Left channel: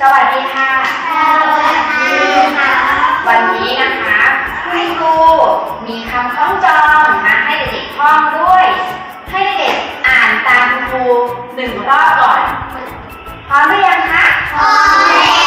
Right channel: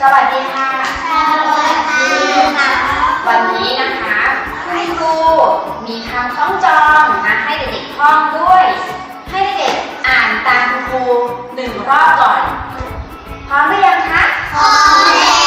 สวัสดีค่ะ วันนี้นะคะคุณครูมีคำคล้องจองมาให้เด็กๆท่องด้วย ให้เด็กๆอ่านตามคุณครูหนึ่งรอบก่อน พร้อมหรือยังคะ พร้อมแล้ว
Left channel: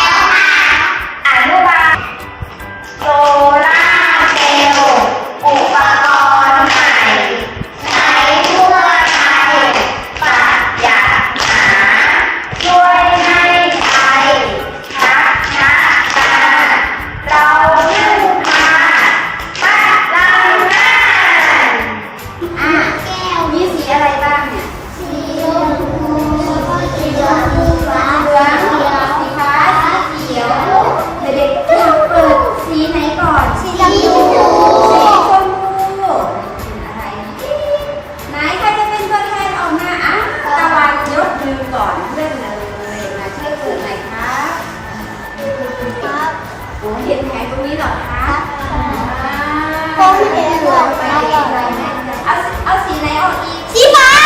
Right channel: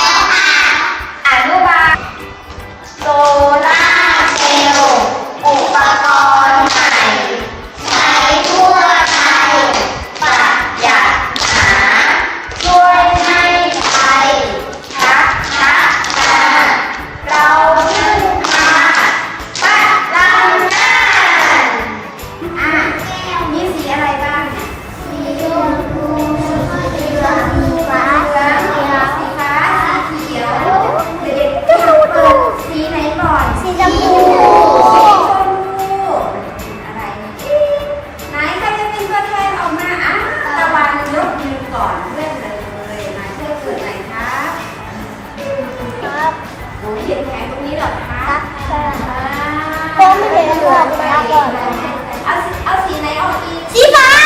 ออก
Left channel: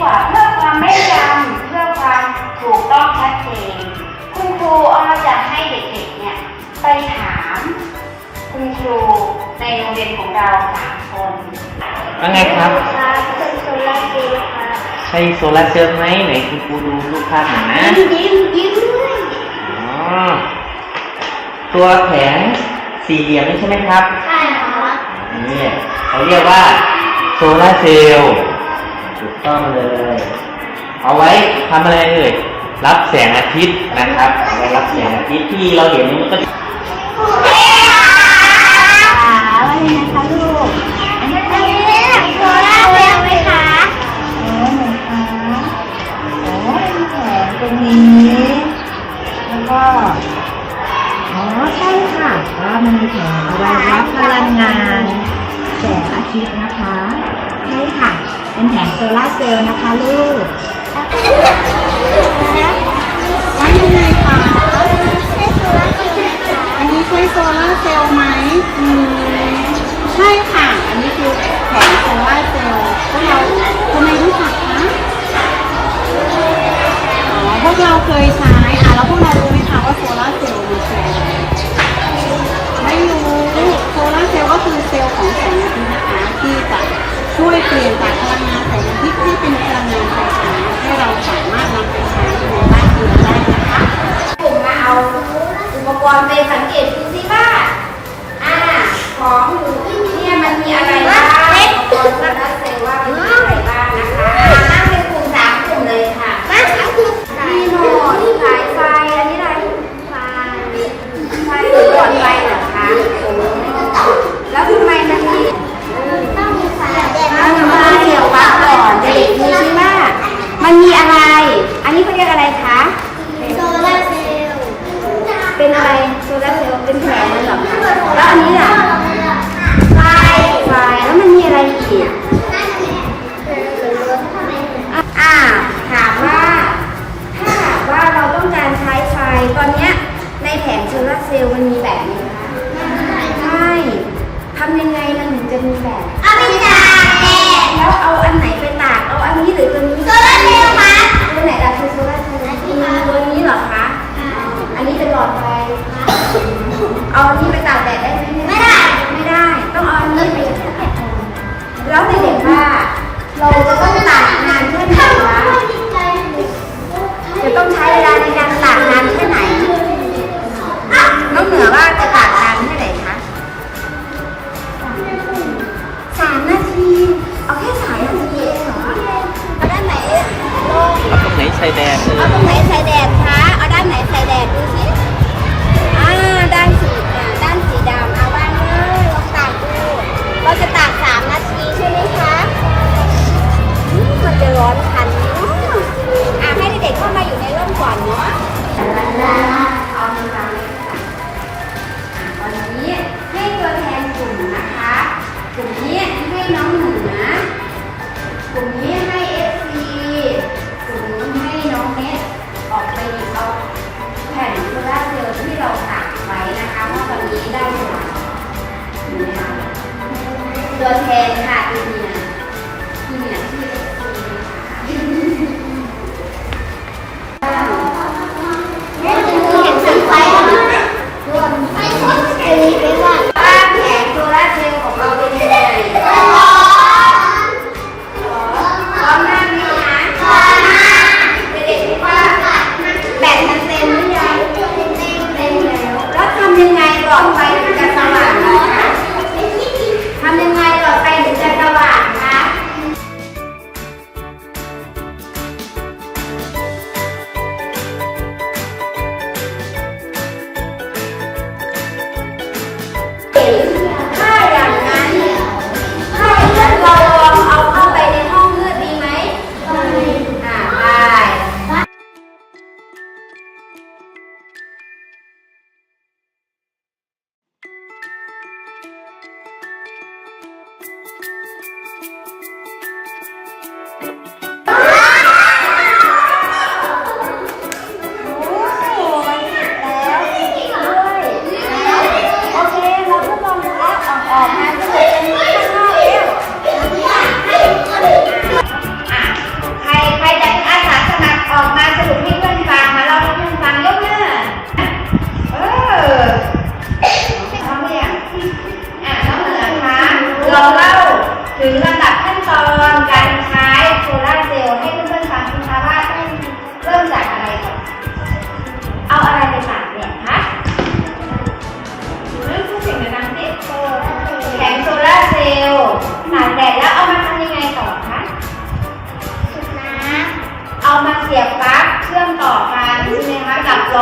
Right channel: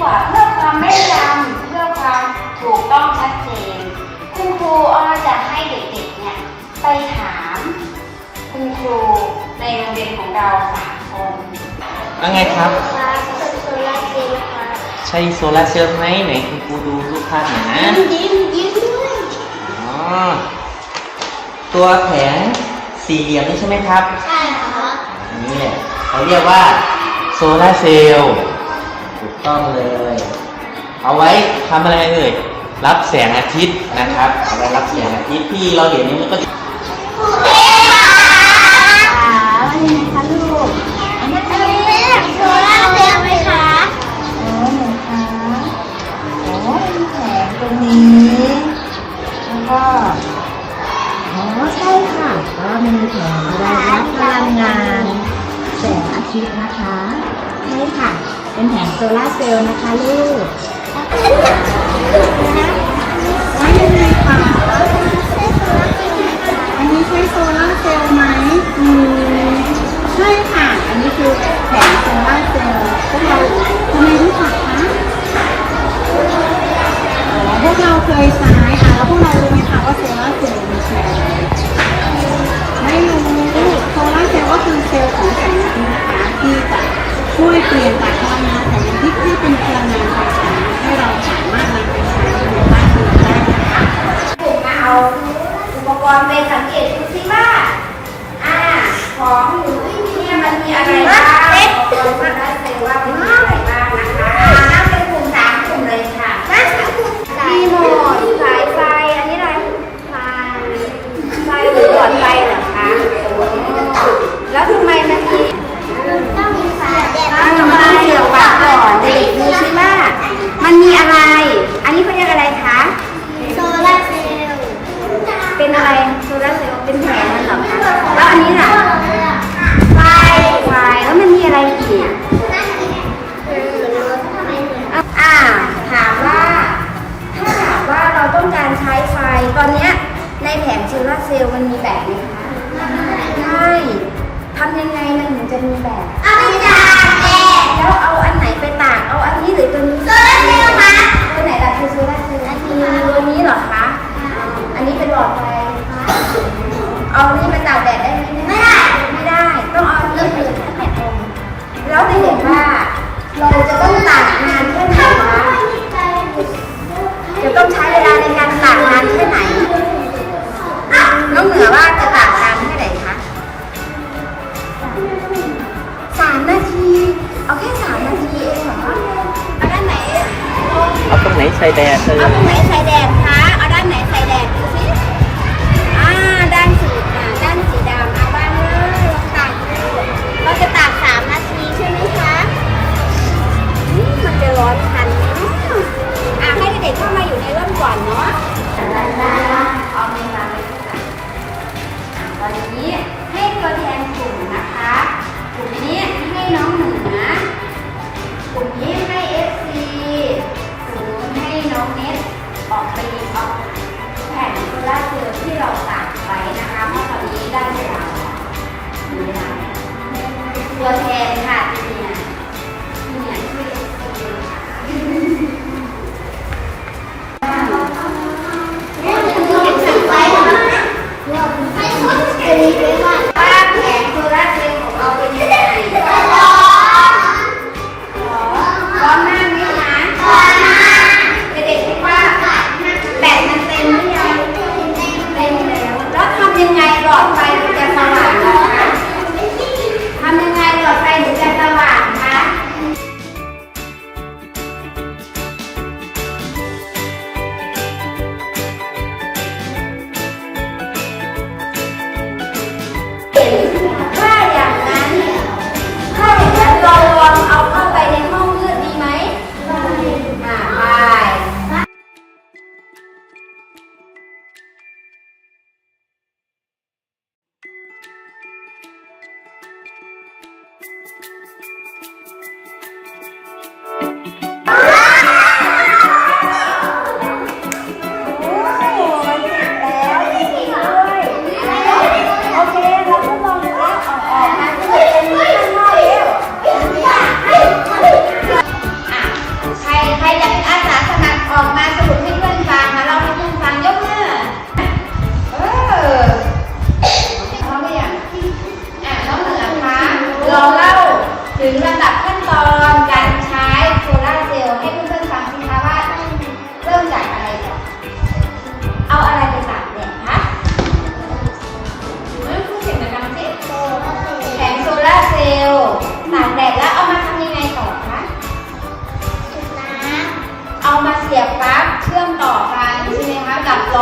กว่าเพื่อความแม่นยำเพื่อความถูกต้องชัดเจน คุณครูอ้อจะให้เด็กๆเนี่ยไปถาม คุณครูในโรงเรียนของเราสามคนว่าไงครับครับเป็นโซลาร์เซลล์ครับใช่โซลาร์เซลล์ไหมไหนคุณครูดูรูปภาพหน่อยนะยิ้มยิ้มด้วยอ๋อตัวแผงสี่เหลี่ยมนี่ใช่ไหมครับ ใช่ครับนี่เขาเรียกว่าโซลาร์เซลล์ถูก ต้องเลย เอาไว้ทำอะไรเลยรับแสงอาทิตย์นะครับเอาไว้รับแสงอาทิตย์ที่เราเห็นนี่มันก็ โซลาร์เซลล์นะคะลูกว่ายังไงคะอันนี้ใช่โซล่าเซลล์ไหมอืมใช่ค่ะ อันนี้คือแผงโซล่าเซลล์พวกเราทำไมรู้จักคะอ๋อพวกเราเคยใช้อะแล้วพวกเรารู้ไหมคะว่าโซล่าเซลล์มันคืออะไรไม่รู้โซล่าเซลล์ก็คือเซลล์ของแสงอาทิตย์นะคะที่จะช่วยเปลี่ยนจากพลังงานแสง อาทิตย์ให้เป็นพลังงานไฟฟ้าให้เราสามารถนำไปใช้ในบ้านเรือนได้นะคะผมมาเอาอุปกรณ์ไปสังเกตดูสิว่าอ่าของหนูที่เนี่ยมันมีอะไรบ้างอุปกรณ์โซลาร์เซลล์ว่ามันมีอะไรบ้างนะคะอ่านั่งเป็นกลุ่มสามกลุ่มเลยค่ะ บ้านเขาคือสาย มีหมดสายไฟ อันนี้อะไร ไฟ ไฟหรือหลอดไฟเหรอคะแล้วทำไมมันมี ต้องมีสายแดง อ่ามันมีเสียบปลั๊กก่อนเด็กๆดูสิว่ามันมีอะไร อันนี้เขาเรียกอะไรคะ โซลาร์เซลล์ เป็นอะไรโซลาร์เซลล์เป็นแผงมันเหรอคะ แล้วอันนี้ล่ะ ไฟ ไฟ แล้วมันมี อ่าถามว่าถ้าหากว่าเราต้องการใช้ไฟตอนเนี้ยในแผงโซลาเซลล์มันมีแบบนี้คะไม่ทำยังไงมันถึงจะมีแบบเอาไปตากแดดแล้วเอาอันไหนไปตากเอาอันนี้หรือตัวนี้โซลาเซลล์มาตัวไหนล่ะคือโซลาเซลล์คือตัวนี้เหรอคะอันนี้เป็นหลอดไฟเอาอันนี้ไปตากแดดได้ไหมไม่ได้ไม่ได้ ต้องเอาอันนี้ไป แล้วเด็กๆว่าเราจะต้องตากนานแค่ไหนคะจะต้องใช้เวลาในการตากนานแค่ไหนน้องเหนือว่าจะตากนานแค่ไหนคะสามนาที เอาแค่สามนาทีเองเหรอ เอาด้านไหนลงเอาตรงไหนใช้แดดเลยเอาตรงไหนใส่แดดคะ เอาด้านไหนใส่แดดดูสิอ่าด้านสีอ่า เราจะตาก3นาทีใช่ไหมคะมันจะร้อนทันเนาะอะให้เด็กๆเข้ามาอยู่ในร่มก่อนเนาะวันนี้ให้ตัวแทนกลุ่มนะคะ กลุ่มนี้ให้น้องเหนือกลุ่มนี้ให้เอฟซีกลุ่มนู้นให้น้องเน็ตออกไปเอาแผ่นโซล่าเซลล์ที่เราตักไว้นะคะเพราะตอนนี้ได้เวลาเวลา ตัวแทนค่ะพี่เนี่ยพี่เนี่ยที่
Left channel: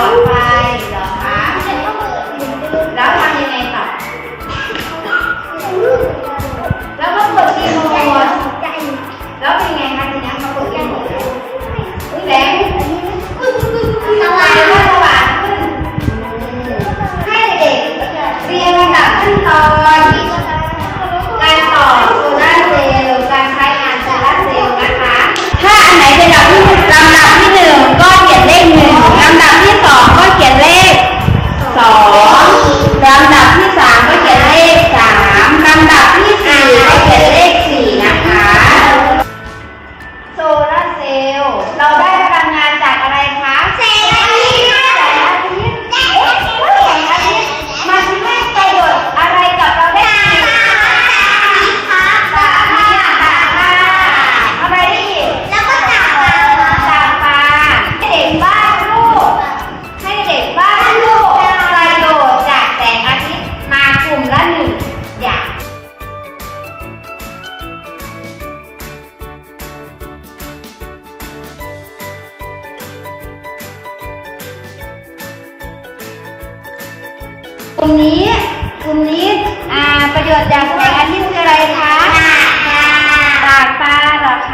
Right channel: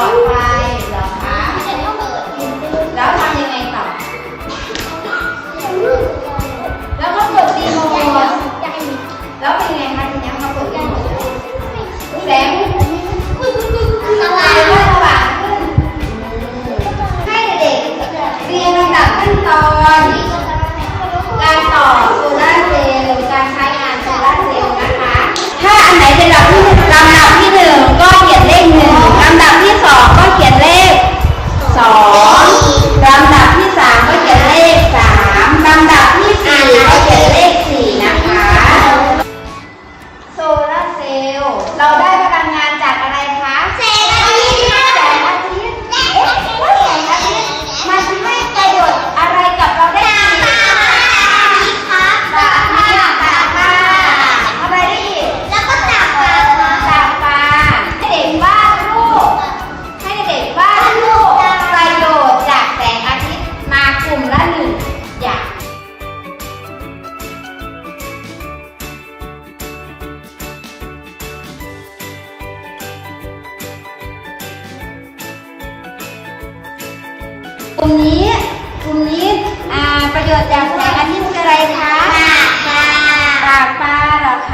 ปลอดภัย กลุ่มนี้ กลุ่มนี้อ่าประโยชน์จากแสงอาทิตย์คืออะไรคะปลากปลาเหรอคะ